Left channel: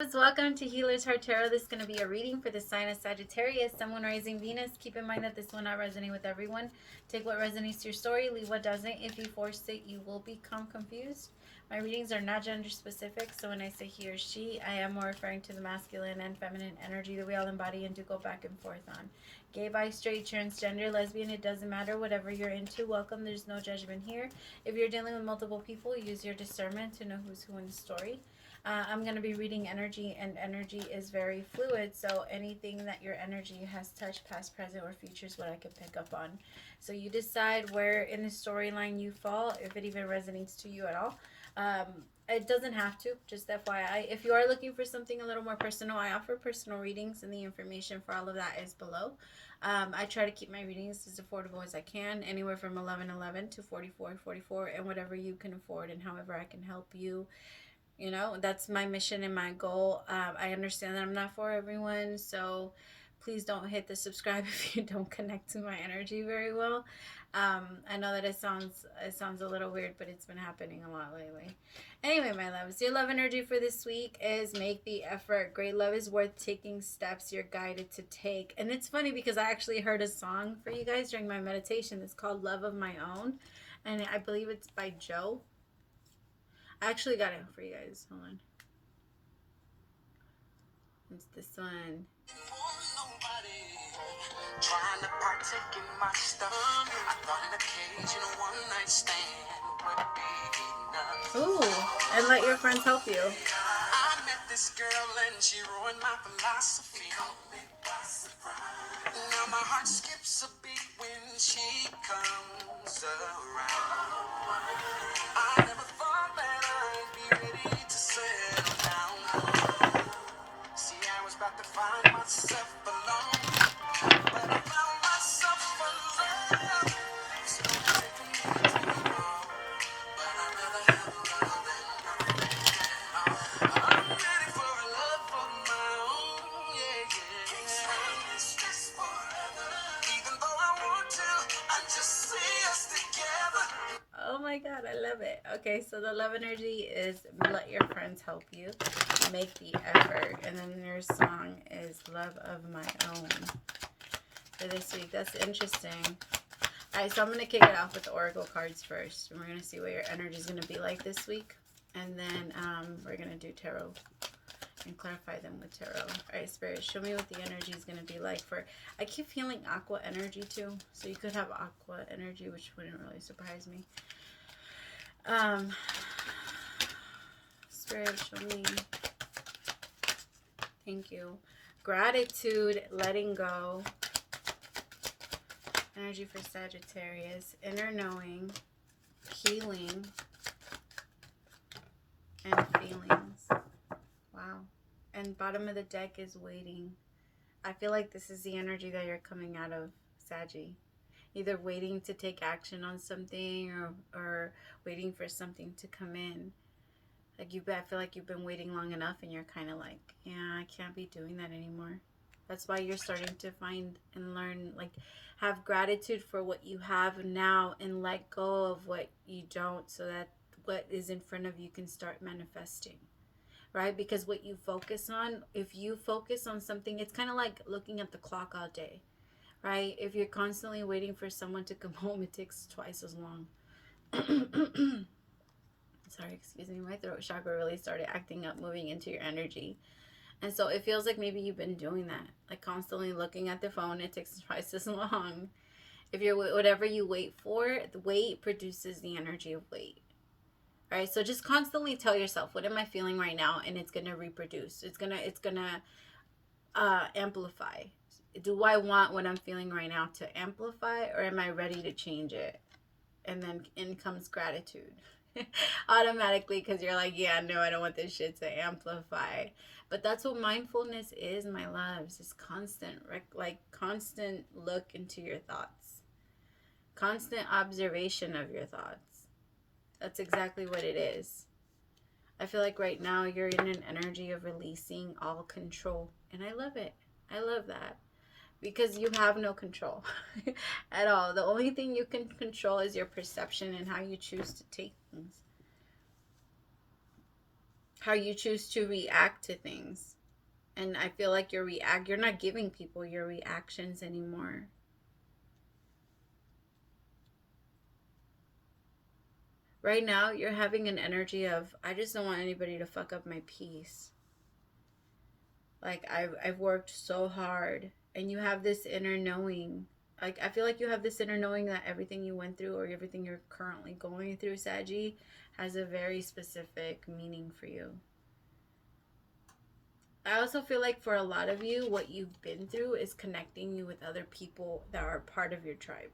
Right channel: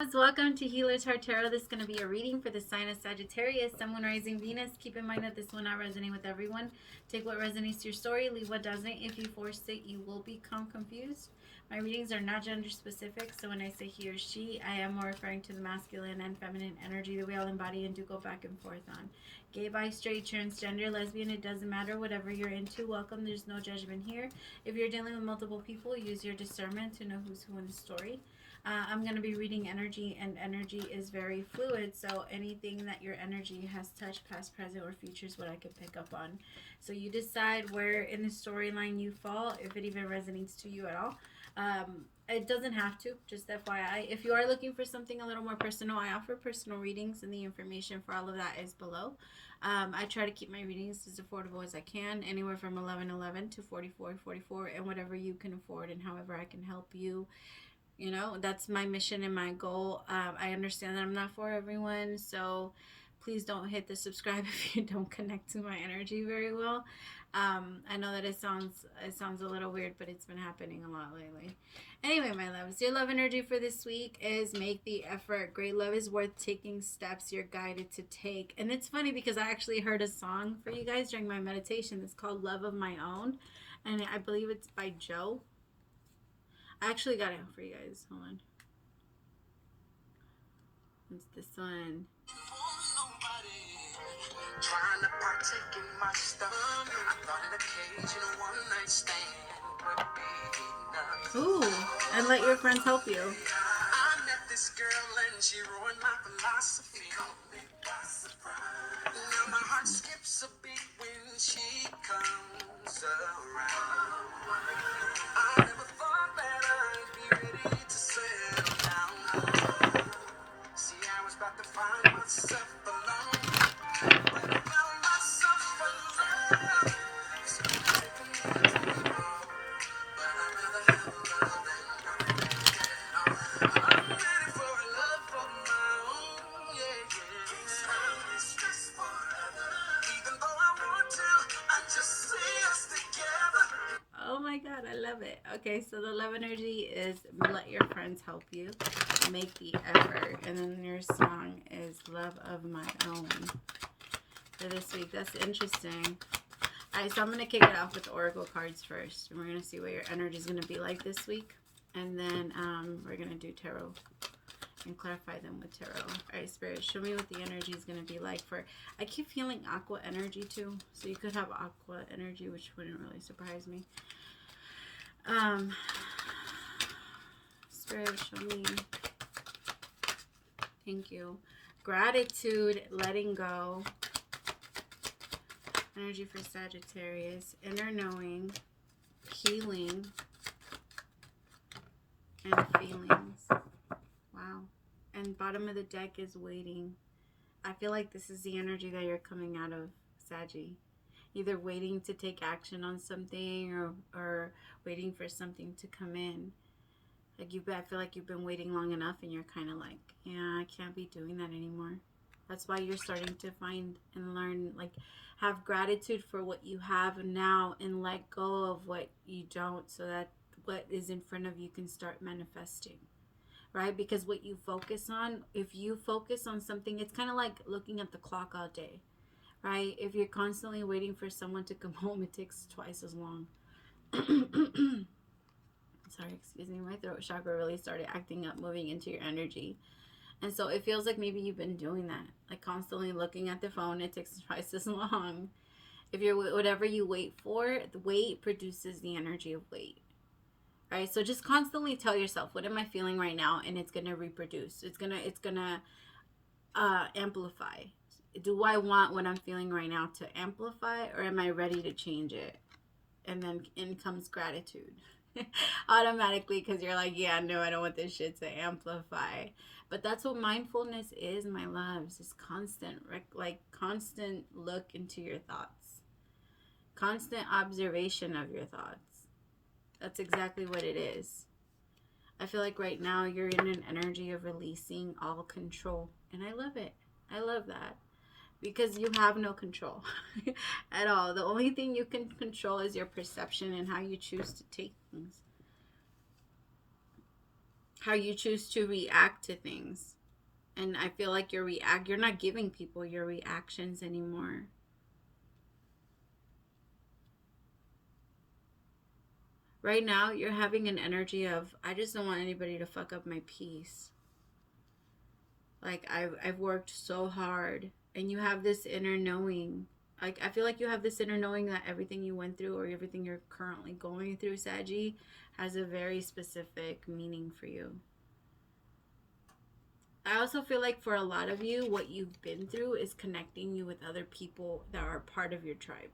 Welcome to Healer's Heart Tarot. This is going to be a reading for the sign of Sagittarius, Sun, Moon, Rising, Venus. Keep in mind that this will not resonate with everyone. Take what resonates to your story, leave what doesn't. If you force it, you will become confused. My readings are not gender specific, so when I say he or she, I am more referring to the masculine and feminine energy that we all embody and do go back and forth on. Gay, bi, straight, transgender, lesbian, it doesn't matter. Whatever you're into, welcome. There's no judgment here. If you're dealing with multiple people, use your discernment to know who's who in the story. I'm going to be reading energy, and energy is very fluid, so anything that your energy has touched, past, present, or future is what I can pick up on. So you decide where in the storyline you fall, if it even resonates to you at all. It doesn't have to, just FYI. If you are looking for something a little more personal, I offer personal readings, and the information for all of that is below. I try to keep my readings as affordable as I can, anywhere from $11.11 to $44.44, and whatever you can afford and however I can help you. You know, that's my mission and my goal. I understand that I'm not for everyone, so please don't hit the subscribe if you don't connect to my energy very well. I know that it sounds a little weird, but it's been happening a lot lately. Anyway, my loves, your love energy for this week is make the effort. Great love is worth taking steps you're guided to take. And it's funny because I actually heard a song for you guys during my meditation. It's called Love of My Own, and I believe it's by Joe. I actually got it for you guys. Hold on. It's this one. Trying to partake in my stuff. I thought an occasional one night stand would be enough. Ooh, and let your friends help you. I met this girl and she ruined my philosophy. Now my heart skips a beat when she comes around. I never thought that I'd be ready to settle down. See, I was about to find myself alone, but I found myself alone. So I didn't anymore, but I'd rather have love than nothing. I'm ready for a love of my own, yeah. I'm stressed forever, even though I want to. I just see us together. Oh my god, I love it. Okay, so the love energy is let your friends help you, make the effort, and then your song is Love of My Own for this week. That's interesting. Alright, so I'm going to kick it off with the oracle cards first, and we're going to see what your energy is going to be like this week, and then we're going to do tarot and clarify them with tarot. Alright, Spirit, show me what the energy is going to be like for, I keep feeling aqua energy too, so you could have aqua energy, which wouldn't really surprise me. Spirit, show me. Thank you. Gratitude, letting go. Energy for Sagittarius, inner knowing, healing, and feelings. Wow. And bottom of the deck is waiting. I feel like this is the energy that you're coming out of, Saggy. Either waiting to take action on something or waiting for something to come in. Like I feel like you've been waiting long enough and you're kind of like, yeah, I can't be doing that anymore. That's why you're starting to find and learn, like, have gratitude for what you have now and let go of what you don't, so that what is in front of you can start manifesting, right? Because what you focus on, if you focus on something, it's kind of like looking at the clock all day, right? If you're constantly waiting for someone to come home, it takes twice as long. Sorry, excuse me, my throat chakra really started acting up, moving into your energy. And so it feels like maybe you've been doing that, like constantly looking at the phone. It takes twice as long. If you're, whatever you wait for, the wait produces the energy of wait. All right, so just constantly tell yourself, what am I feeling right now? And it's gonna reproduce. It's gonna amplify. Do I want what I'm feeling right now to amplify, or am I ready to change it? And then in comes gratitude. Automatically, because you're like, yeah, no, I don't want this shit to amplify. But that's what mindfulness is, my loves. It's constant, like constant look into your thoughts, constant observation of your thoughts. That's exactly what it is. I feel like right now you're in an energy of releasing all control, and I love it. I love that. Because you have no control at all. The only thing you can control is your perception and how you choose to take things. how you choose to react to things. And I feel like you're not giving people your reactions anymore. Right now, you're having an energy of, I just don't want anybody to fuck up my peace. Like, I've worked so hard. And you have this inner knowing. Like, I feel like you have this inner knowing that everything you went through or everything you're currently going through, Saggy, has a very specific meaning for you. I also feel like for a lot of you, what you've been through is connecting you with other people that are part of your tribe.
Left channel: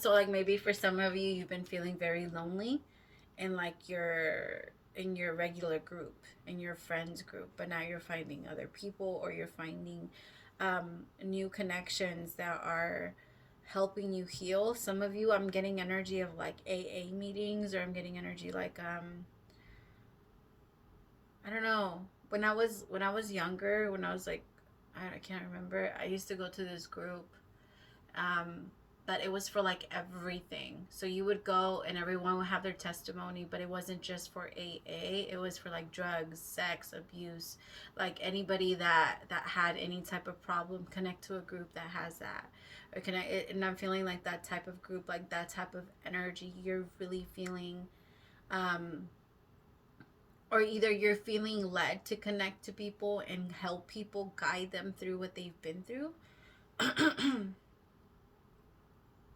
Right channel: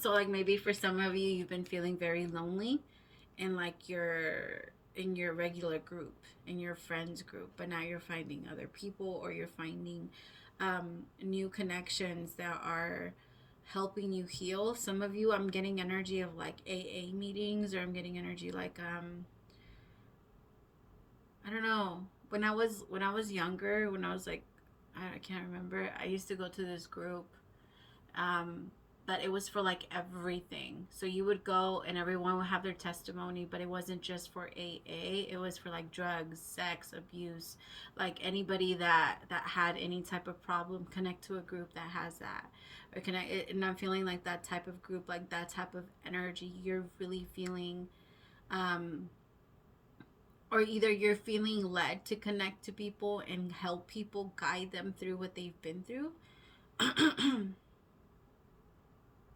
So like maybe for some of you, you've been feeling very lonely in like in your regular group, in your friends group, but now you're finding other people, or you're finding new connections that are helping you heal. Some of you, I'm getting energy of like AA meetings, or I'm getting energy like I don't know. When I was younger, when I was like, I can't remember, I used to go to this group, but it was for like everything. So you would go and everyone would have their testimony, but it wasn't just for AA. It was for like drugs, sex, abuse, like anybody that had any type of problem, connect to a group that has that. Or connect, and I'm feeling like that type of group, like that type of energy. You're really feeling, or either you're feeling led to connect to people and help people, guide them through what they've been through.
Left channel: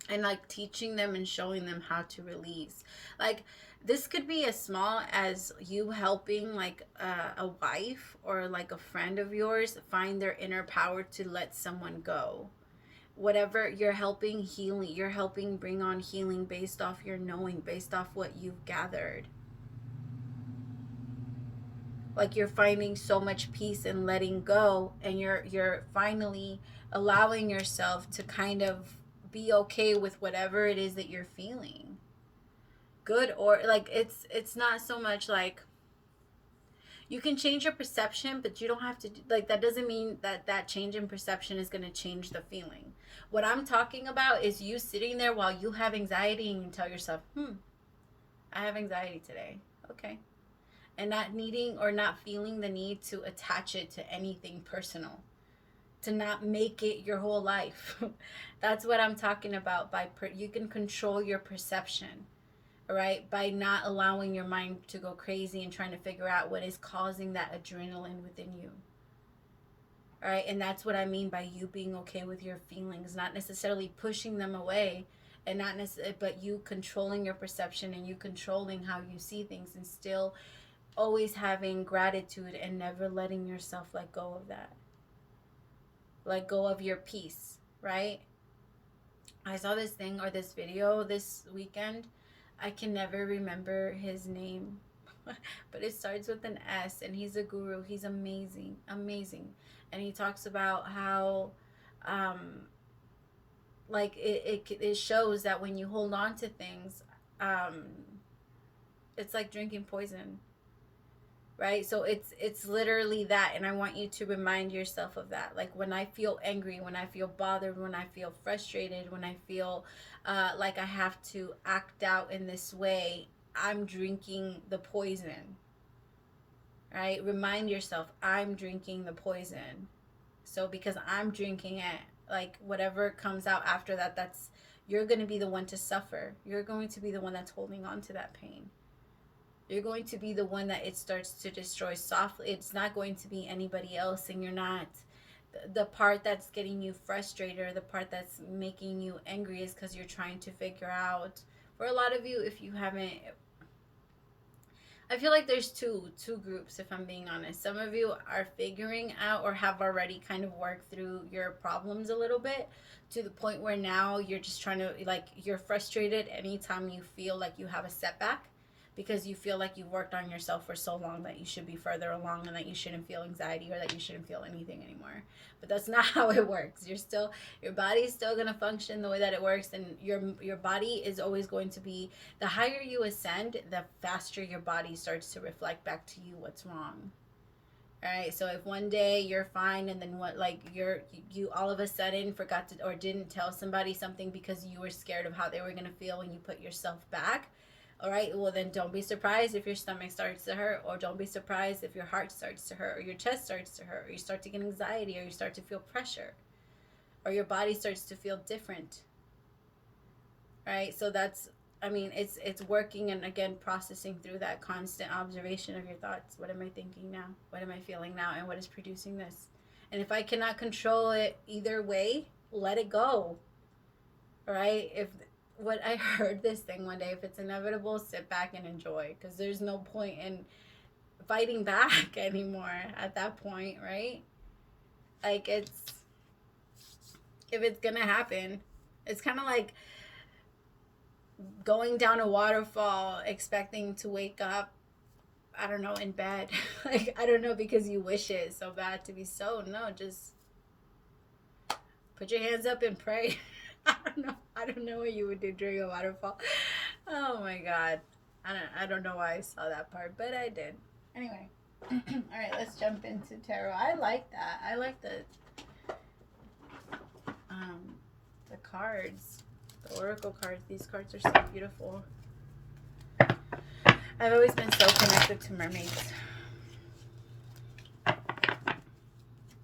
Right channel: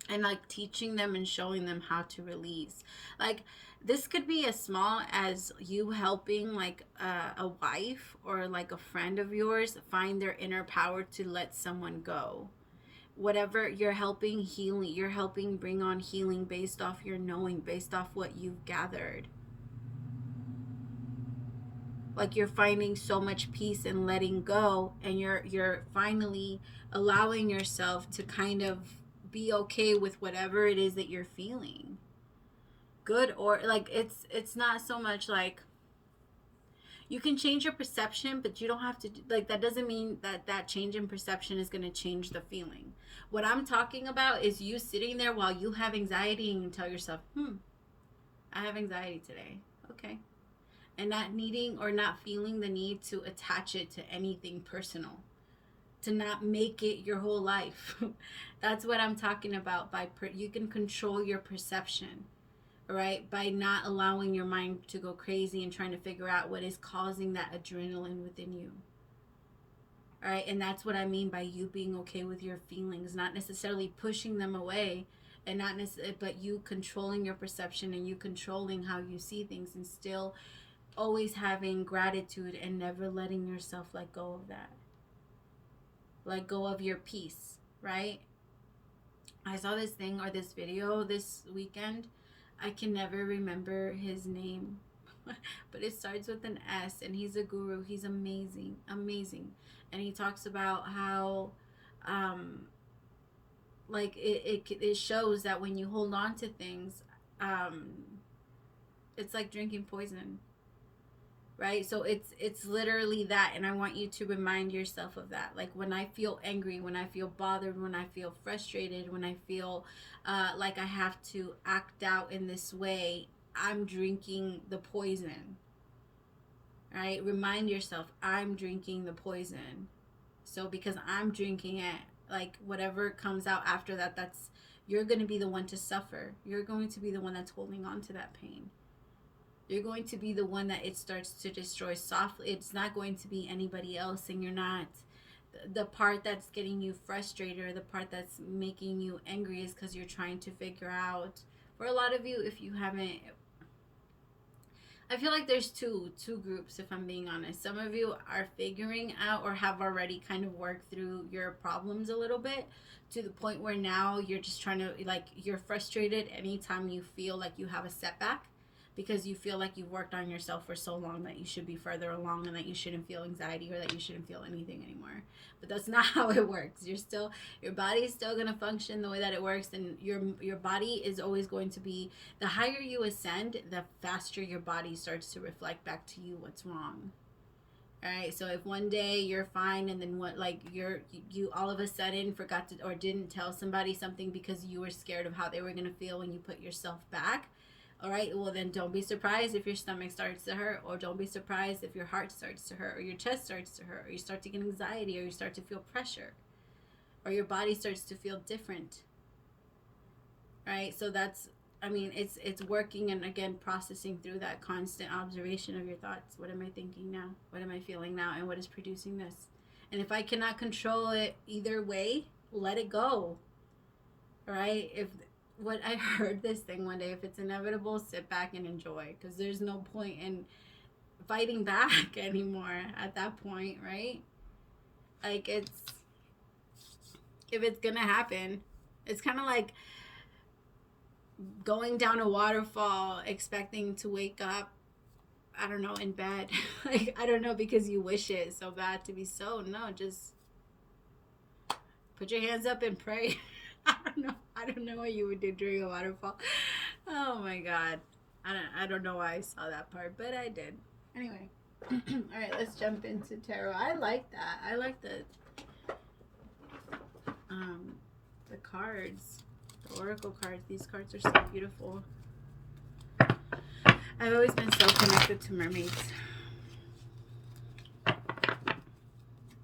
And like teaching them and showing them how to release. Like this could be as small as you helping like a wife or like a friend of yours find their inner power to let someone go. Whatever, you're helping healing, you're helping bring on healing based off your knowing, based off what you've gathered. Like you're finding so much peace and letting go, and you're finally allowing yourself to kind of be okay with whatever it is that you're feeling. Good, or like it's not so much like you can change your perception, but you don't have to, like, that doesn't mean that change in perception is going to change the feeling. What I'm talking about is you sitting there while you have anxiety and you tell yourself, I have anxiety today. Okay. And not needing or not feeling the need to attach it to anything personal, to not make it your whole life. That's what I'm talking about. You can control your perception, right? By not allowing your mind to go crazy and trying to figure out what is causing that adrenaline within you. All right, and that's what I mean by you being okay with your feelings, not necessarily pushing them away, and not necessarily, but you controlling your perception and you controlling how you see things, and still always having gratitude and never letting yourself let go of that. Let go of your peace, right? I saw this thing or this video this weekend. I can never remember his name, but it starts with an S, and he's a guru. He's amazing, amazing. And he talks about how like it shows that when you hold on to things, it's like drinking poison. Right? So it's literally that, and I want you to remind yourself of that. Like when I feel angry, when I feel bothered, when I feel frustrated, when I feel like I have to act out in this way, I'm drinking the poison. Right? Remind yourself, I'm drinking the poison. So because I'm drinking it, like whatever comes out after that, that's, you're going to be the one to suffer. You're going to be the one that's holding on to that pain. You're going to be the one that it starts to destroy softly. It's not going to be anybody else, and you're not. The part that's getting you frustrated, or the part that's making you angry, is because you're trying to figure out. For a lot of you, if you haven't, I feel like there's two groups, if I'm being honest. Some of you are figuring out or have already kind of worked through your problems a little bit, to the point where now you're just trying to, like, you're frustrated anytime you feel like you have a setback, because you feel like you've worked on yourself for so long that you should be further along, and that you shouldn't feel anxiety, or that you shouldn't feel anything anymore. But that's not how it works. Your body's still going to function the way that it works, and your body is always going to be, the higher you ascend, the faster your body starts to reflect back to you what's wrong. All right, so if one day you're fine, and then you all of a sudden forgot to, or didn't tell somebody something because you were scared of how they were going to feel when you put yourself back, All right, well then don't be surprised if your stomach starts to hurt, or don't be surprised if your heart starts to hurt, or your chest starts to hurt, or you start to get anxiety, or you start to feel pressure, or your body starts to feel different. Right? So that's, I mean, it's working, and again, processing through that constant observation of your thoughts. What am I thinking now? What am I feeling now? And what is producing this? And if I cannot control it either way, let it go. Right? If what I heard this thing one day, if it's inevitable, sit back and enjoy, because there's no point in fighting back anymore at that point, right? Like, it's, if it's gonna happen, it's kind of like going down a waterfall expecting to wake up, I don't know, in bed. Like, I don't know, because you wish it so bad to be so. No, just put your hands up and pray. I don't know what you would do during a waterfall. Oh my God. I don't know why I saw that part, but I did. Anyway. All right, let's jump into tarot. I like that. I like the cards, the oracle cards. These cards are so beautiful. I've always been so connected to mermaids.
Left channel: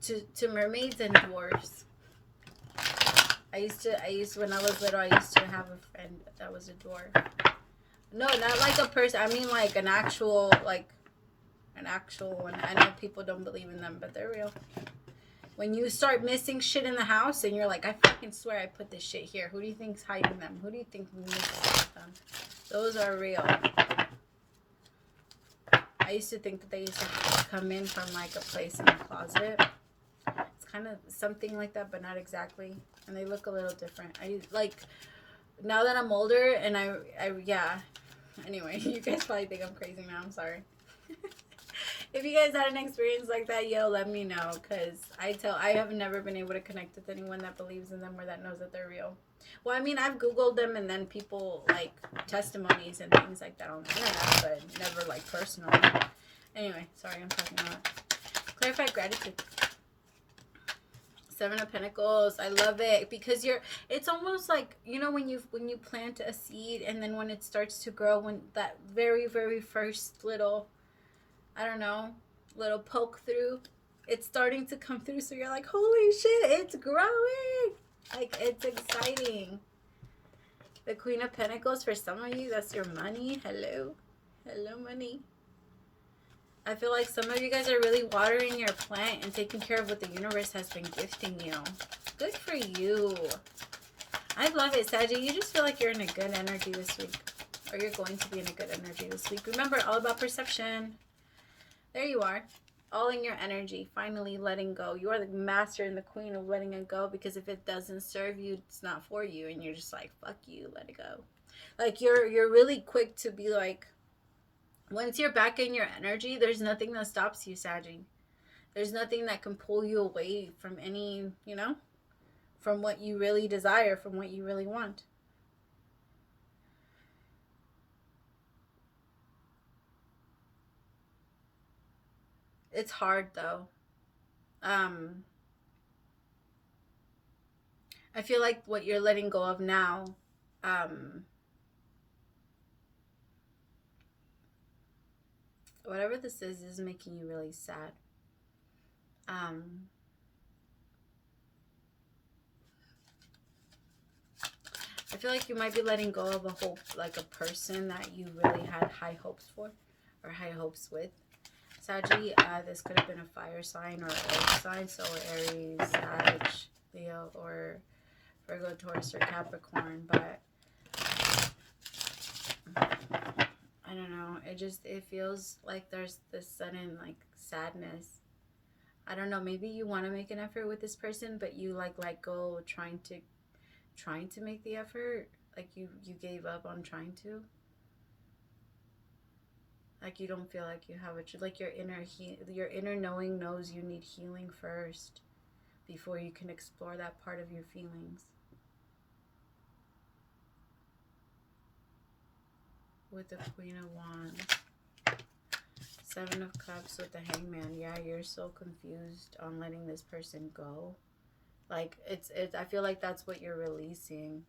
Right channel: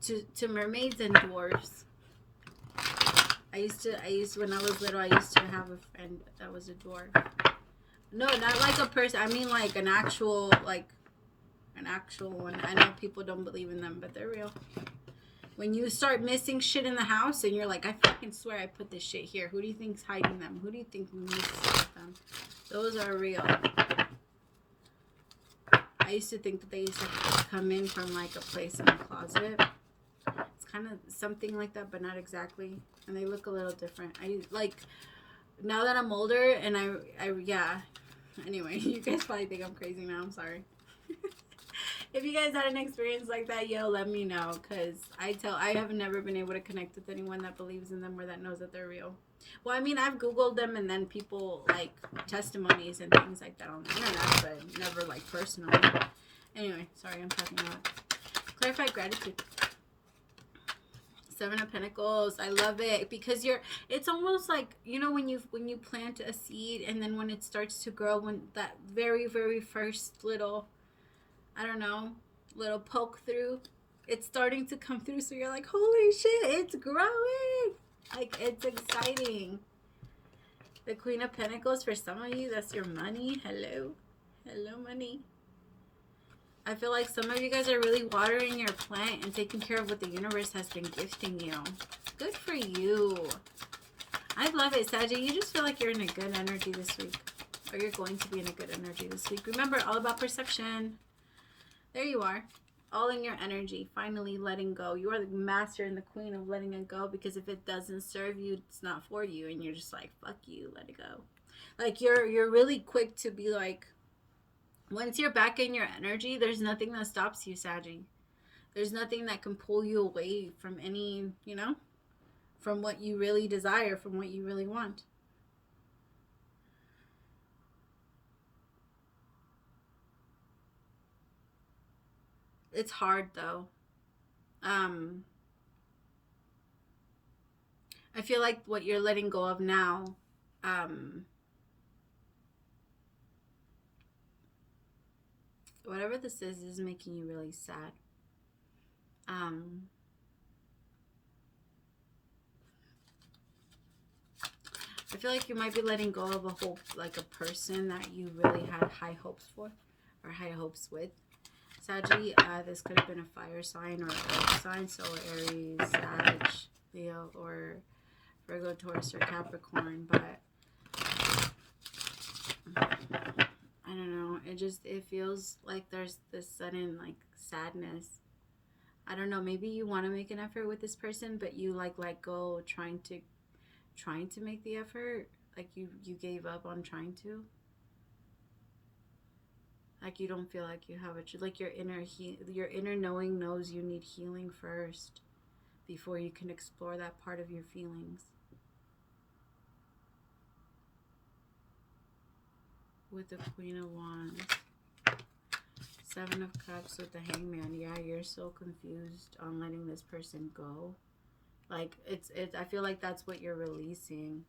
To mermaids and dwarves. I used when I was little, I used to have a friend that was a dwarf. No, not like a person. I mean like an actual one. I know people don't believe in them, but they're real. When you start missing shit in the house and you're like, I fucking swear I put this shit here. Who do you think's hiding them? Who do you think needs them? Those are real. I used to think that they used to come in from like a place in the closet. It's kind of something like that, but not exactly. And they look a little different. I like, now that I'm older and yeah. Anyway, you guys probably think I'm crazy now. I'm sorry. If you guys had an experience like that, yo, let me know, because I have never been able to connect with anyone that believes in them or that knows that they're real. Well, I mean, I've Googled them, and then people, like, testimonies and things like that on the internet, but never, like, personally. Anyway, sorry, I'm talking about clarified gratitude. 7 of Pentacles. I love it, because it's almost like, you know, when you plant a seed, and then when it starts to grow, when that very, very first little, I don't know, little poke through, it's starting to come through, so you're like, holy shit, it's growing. Like, it's exciting. The Queen of Pentacles, for some of you, that's your money. Hello money. I feel like some of you guys are really watering your plant and taking care of what the universe has been gifting you. Good for you. I love it, Saggy. You just feel like you're in a good energy this week, or you're going to be in a good energy this week. Remember, all about perception. There you are, all in your energy, finally letting go. You are the master and the queen of letting it go, because if it doesn't serve you, it's not for you, and you're just like, fuck you, let it go. Like, you're really quick to be like, once you're back in your energy, there's nothing that stops you, Saggy. There's nothing that can pull you away from any, you know, from what you really desire, from what you really want. It's hard, though. I feel like what you're letting go of now, whatever this is making you really sad. I feel like you might be letting go of a whole, like a person that you really had high hopes for, or high hopes with. Saggy, this could have been a fire sign or an earth sign, so Aries, Sag, Leo, or Virgo, Taurus, or Capricorn, but I don't know, it feels like there's this sudden, like, sadness. I don't know, maybe you want to make an effort with this person, but you, like, let go trying to make the effort. Like, you gave up on trying to. Like, you don't feel like you have like, your inner knowing knows you need healing first before you can explore that part of your feelings. With the Queen of Wands. 7 of Cups with the Hangman. Yeah, you're so confused on letting this person go. Like, I feel like that's what you're releasing.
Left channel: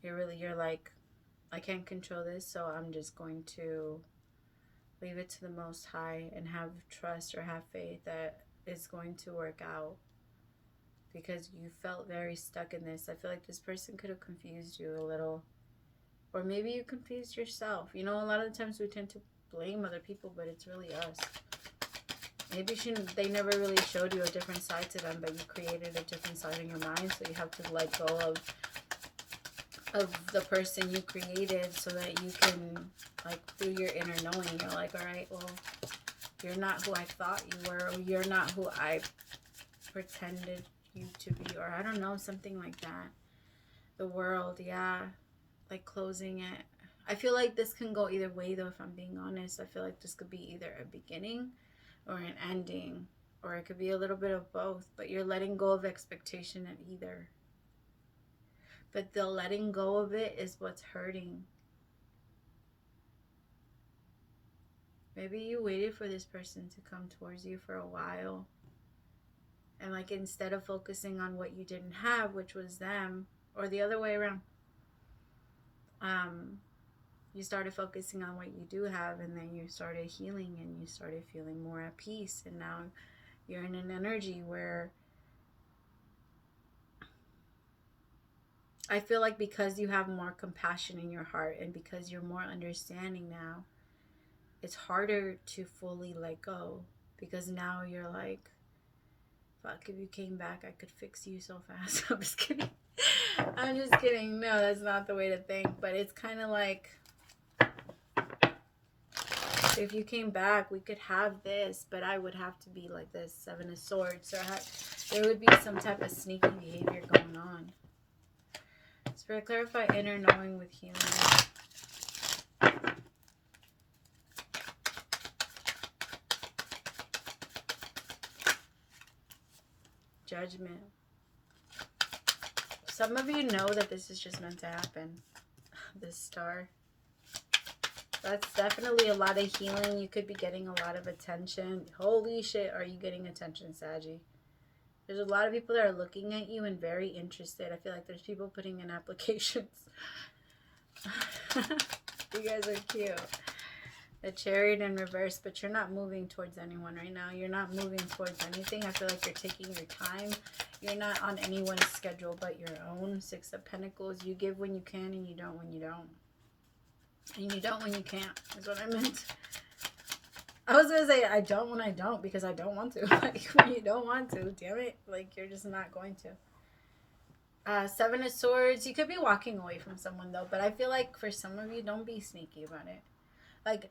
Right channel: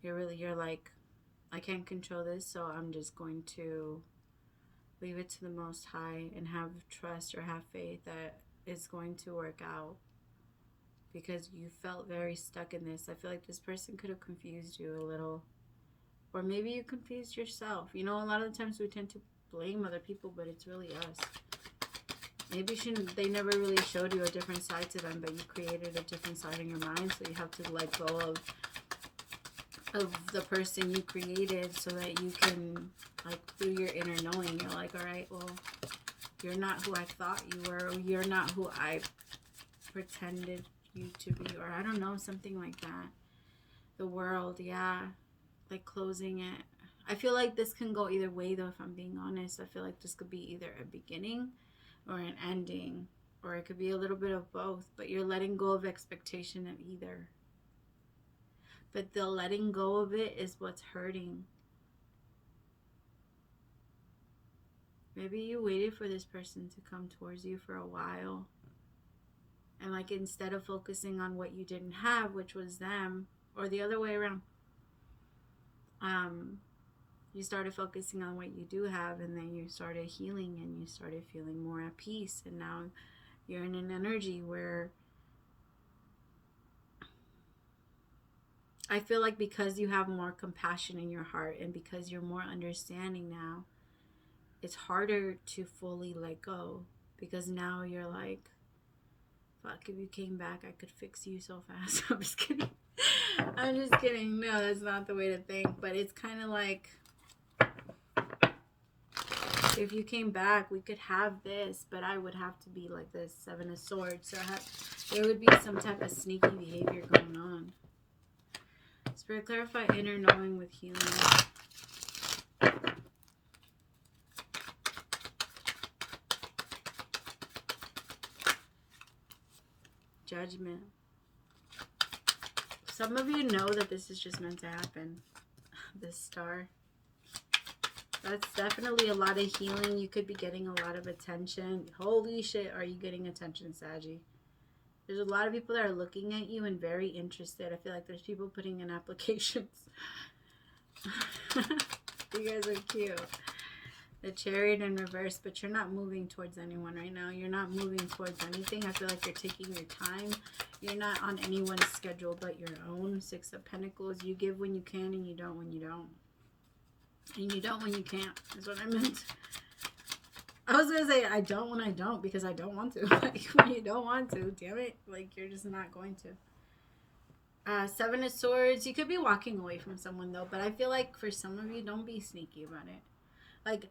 You're like, I can't control this, so I'm just going to leave it to the Most High and have trust or have faith that it's going to work out, because you felt very stuck in this. I feel like this person could have confused you a little, or maybe you confused yourself. You know, a lot of the times we tend to blame other people, but it's really us. Maybe they never really showed you a different side to them, but you created a different side in your mind, so you have to let go of the person you created, so that you can, like, through your inner knowing, you're like, all right, well, you're not who I thought you were, or you're not who I pretended you to be, or I don't know, something like that. The world, yeah, like closing it. I feel like this can go either way, though, if I'm being honest. I feel like this could be either a beginning or an ending, or it could be a little bit of both, but you're letting go of expectation of either. But the letting go of it is what's hurting. Maybe you waited for this person to come towards you for a while, and like, instead of focusing on what you didn't have, which was them, or the other way around, you started focusing on what you do have, and then you started healing and you started feeling more at peace, and now you're in an energy where I feel like, because you have more compassion in your heart and because you're more understanding now, it's harder to fully let go, because now you're like, fuck, if you came back, I could fix you so fast. I'm just kidding. I'm just kidding. No, that's not the way to think. But it's kind of like, if you came back, we could have this, but I would have to be like this, Seven of Swords. So there would be some type of sneaky behavior going on. Spirit, clarify inner knowing with healing. Judgment. Some of you know that this is just meant to happen. This Star. That's definitely a lot of healing. You could be getting a lot of attention. Holy shit, are you getting attention, Saggy? There's a lot of people that are looking at you and very interested. I feel like there's people putting in applications. You guys are cute. The Chariot in reverse, but you're not moving towards anyone right now. You're not moving towards anything. I feel like you're taking your time. You're not on anyone's schedule but your own. Six of Pentacles. You give when you can, and you don't when you don't. And you don't when you can't, is what I meant. I was going to say, I don't when I don't, because I don't want to. Like, when you don't want to, damn it. Like, you're just not going to. Seven of Swords. You could be walking away from someone, though. But I feel like for some of you, don't be sneaky about it. Like,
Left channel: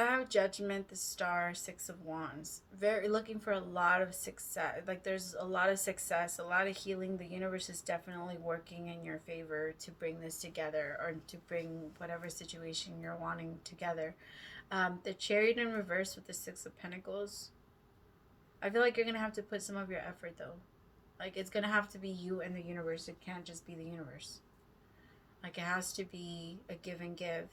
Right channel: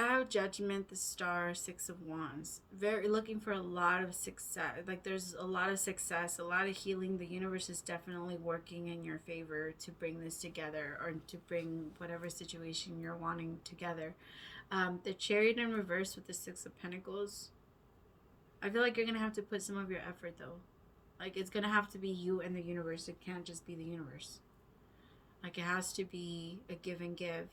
I have Judgment, the Star, Six of Wands. Very looking for a lot of success. Like, there's a lot of success, a lot of healing. The universe is definitely working in your favor to bring this together, or to bring whatever situation you're wanting together. The Chariot in reverse with the Six of Pentacles. I feel like you're going to have to put some of your effort, though. Like, it's going to have to be you and the universe. It can't just be the universe. Like, it has to be a give and give.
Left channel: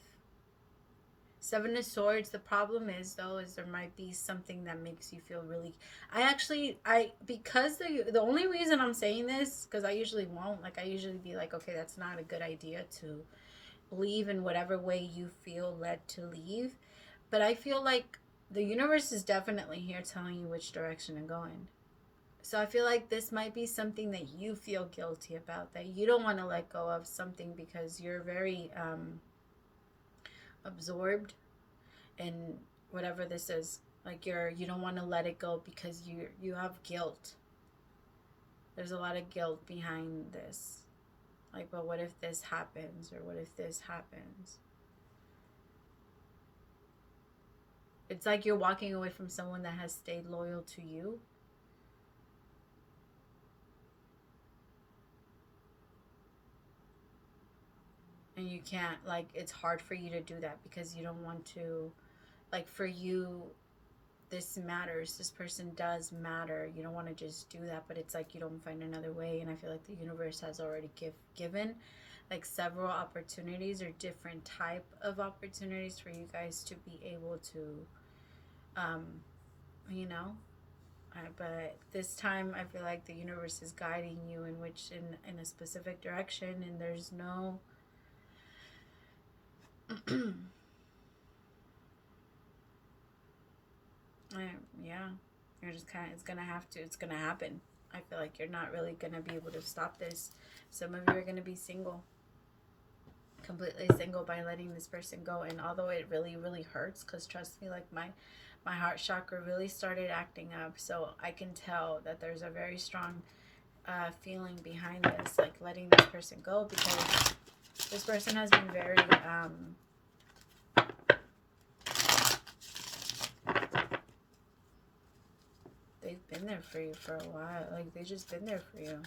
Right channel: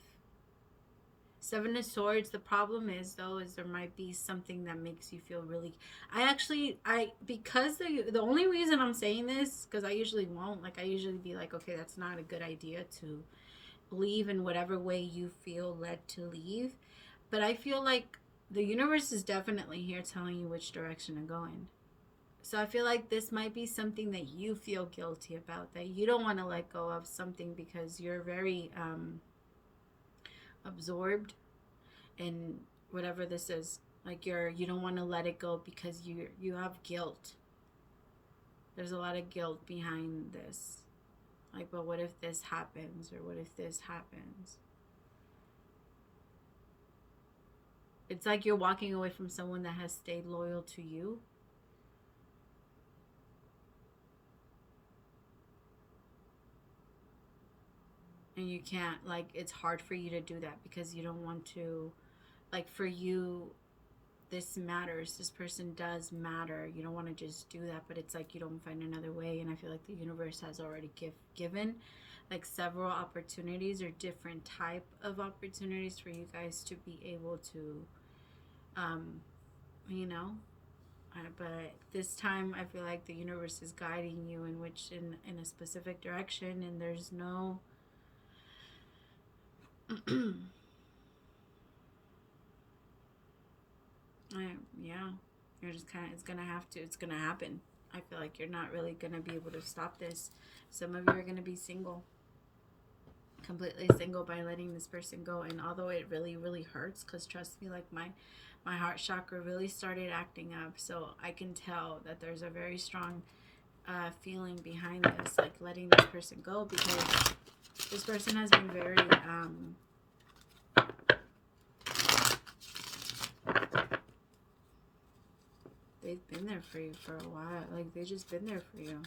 Seven of Swords. The problem is, though, is there might be something that makes you feel really... because the only reason I'm saying this, because I usually won't. Like, I usually be like, okay, that's not a good idea to leave in whatever way you feel led to leave. But I feel like the universe is definitely here telling you which direction to go in. So I feel like this might be something that you feel guilty about, that you don't want to let go of something because you're very absorbed in whatever this is. Like, you don't want to let it go because you have guilt. There's a lot of guilt behind this. Like, but what if this happens, or what if this happens? It's like you're walking away from someone that has stayed loyal to you. And you can't, like, it's hard for you to do that because you don't want to, like, for you, this matters. This person does matter. You don't want to just do that, but it's like you don't find another way. And I feel like the universe has already given, like, several opportunities, or different type of opportunities for you guys to be able to, you know, But this time I feel like the universe is guiding you in a specific direction, and there's no yeah, you're just kind of, it's gonna happen. I feel like you're not really gonna be able to stop this. Some of you are gonna be single, completely single, by letting this person go. And although it really hurts, because trust me, like my heart chakra really started acting up, so I can tell that there's a very strong feeling behind this, like letting this person go, because this person has been very they've been there for you for a while. Like, they've just been there for you.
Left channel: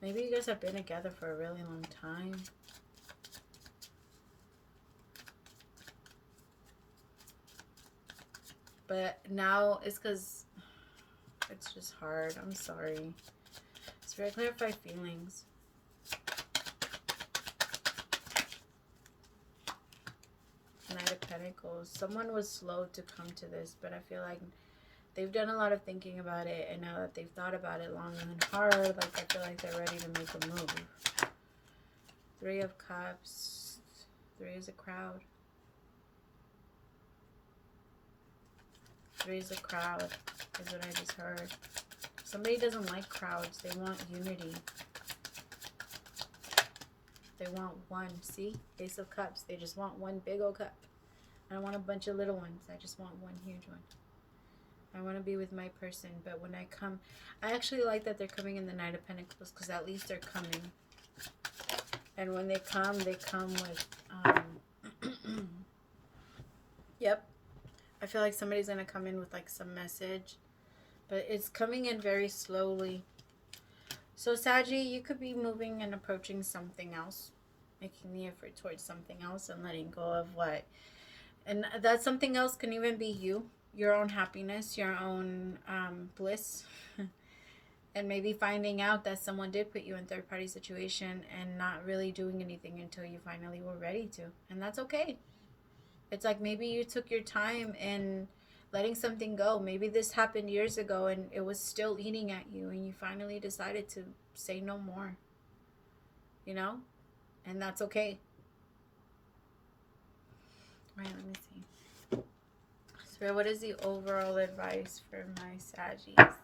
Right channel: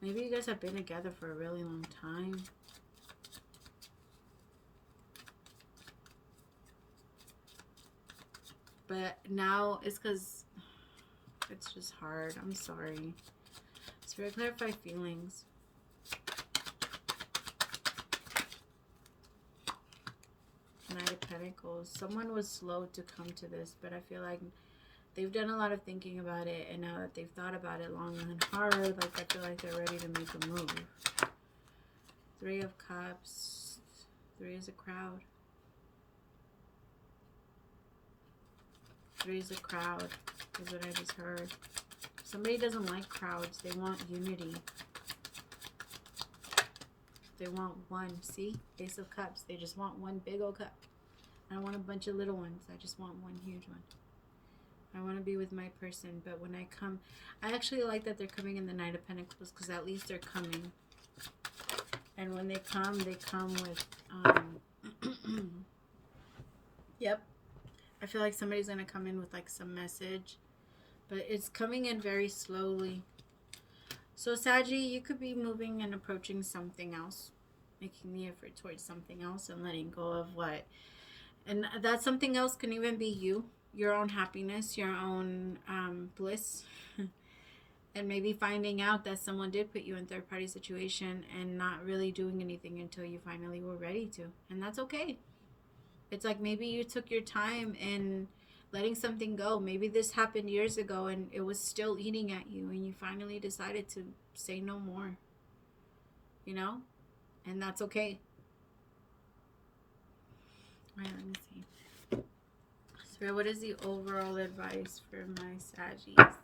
Maybe you guys have been together for a really long time. But now it's because it's just hard. I'm sorry. Spirit, clarify feelings. Knight of Pentacles. Someone was slow to come to this, but I feel like they've done a lot of thinking about it, and now that they've thought about it long and hard, like, I feel like they're ready to make a move. Three of Cups. Three is a crowd. Three is a crowd, is what I just heard. Somebody doesn't like crowds. They want unity. They want one. See? Ace of Cups. They just want one big old cup. I don't want a bunch of little ones. I just want one huge one. I want to be with my person, but when I come, I actually like that they're coming in the Knight of Pentacles, because at least they're coming. And when they come with, yep. I feel like somebody's going to come in with, like, some message, but it's coming in very slowly. So, Saggy, you could be moving and approaching something else, making the effort towards something else and letting go of what. And that something else can even be you, your own happiness, your own bliss. And maybe finding out that someone did put you in third-party situation and not really doing anything until you finally were ready to. And that's okay. It's like maybe you took your time in letting something go. Maybe this happened years ago and it was still eating at you, and you finally decided to say no more. You know? And that's okay. All right, let me see. So what is the overall advice for my Saggies?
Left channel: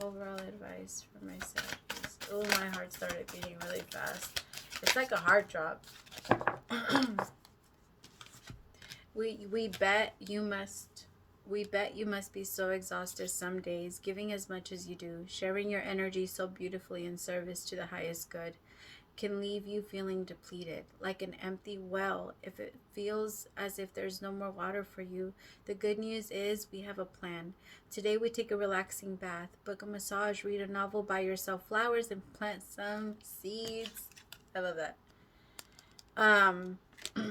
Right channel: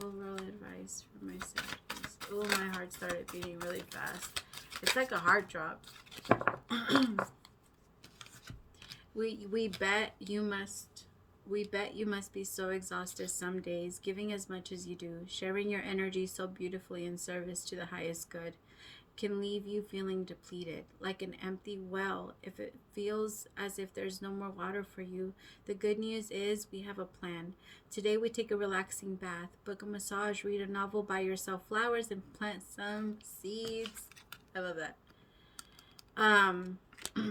Overall advice for my Saggies. Oh, my heart started beating really fast. It's like a heart drop. We bet you must be so exhausted some days, giving as much as you do, sharing your energy so beautifully in service to the highest good, can leave you feeling depleted, like an empty well. If it feels as if there's no more water for you, the good news is we have a plan. Today we take a relaxing bath, book a massage, read a novel, buy yourself flowers, and plant some seeds. I love that.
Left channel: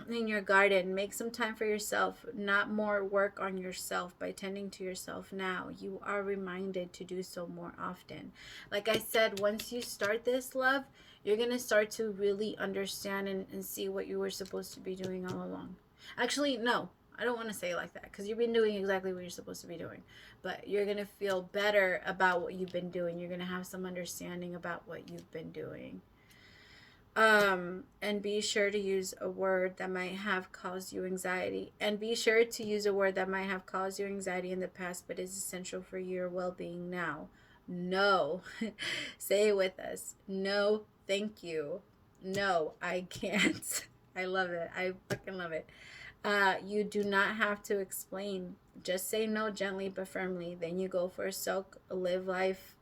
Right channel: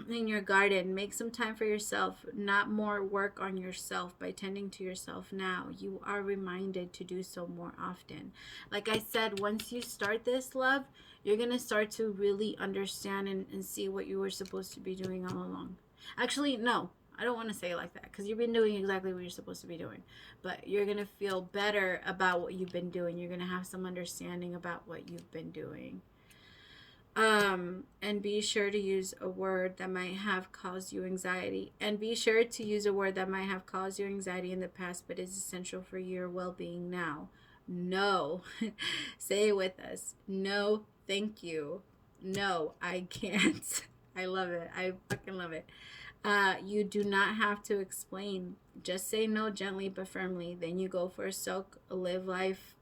In your garden, make some time for yourself, not more work on yourself. By tending to yourself now, you are reminded to do so more often. Like I said, once you start this, love, you're going to start to really understand and see what you were supposed to be doing all along. Actually, no, I don't want to say it like that, because you've been doing exactly what you're supposed to be doing. But you're going to feel better about what you've been doing. You're going to have some understanding about what you've been doing. And be sure to use a word that might have caused you anxiety. And be sure to use a word that might have caused you anxiety in the past, but is essential for your well-being now. No. Say it with us. No, thank you. No, I can't. I love it. I fucking love it. You do not have to explain. Just say no gently but firmly. Then you go for a soak, live life.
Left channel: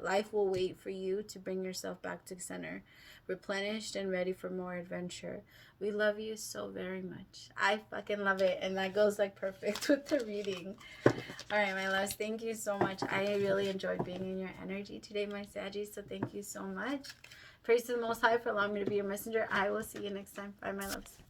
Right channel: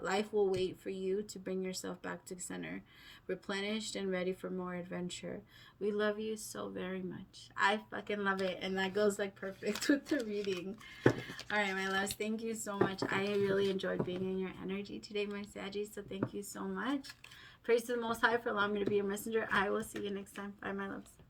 Life will wait for you to bring yourself back to center, replenished and ready for more adventure. We love you so very much. I fucking love it. And that goes like perfect with the reading. All right, my loves, thank you so much. I really enjoyed being in your energy today, my Saggies, so thank you so much. Praise to the Most High for allowing me to be your messenger. I will see you next time. Bye, my loves.